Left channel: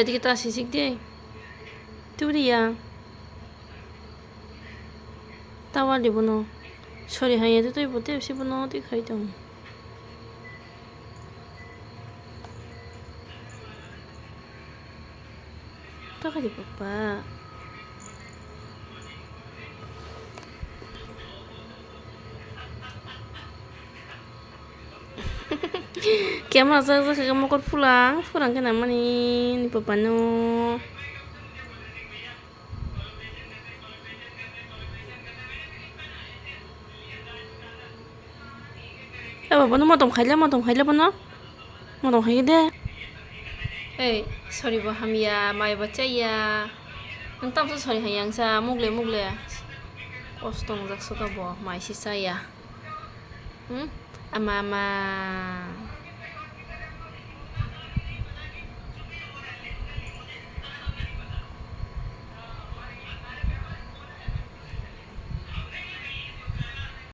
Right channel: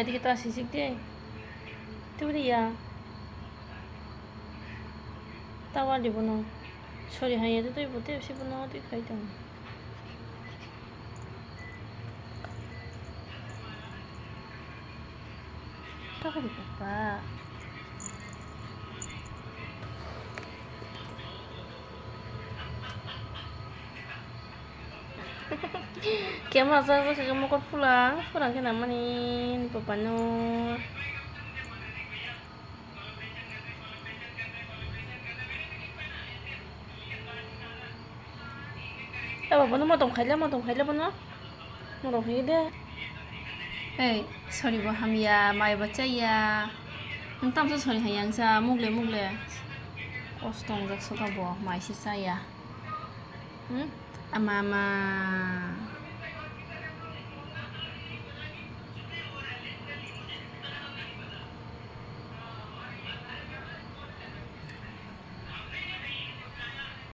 এদিকে তো আসি শিখ দিয়ে তুরিয়া tawa di bono sorry hanya itu tuh ibu si bono ti khai dong tawa di papa kamu rasa kamu kok pulang ke nama nih papa no papa no mau খাইলে bono mau খাই deh sorry baham ya mai baca ya entah tuh sorry hayang sa mugle kostong jak suka boh mai sisa ya ama ama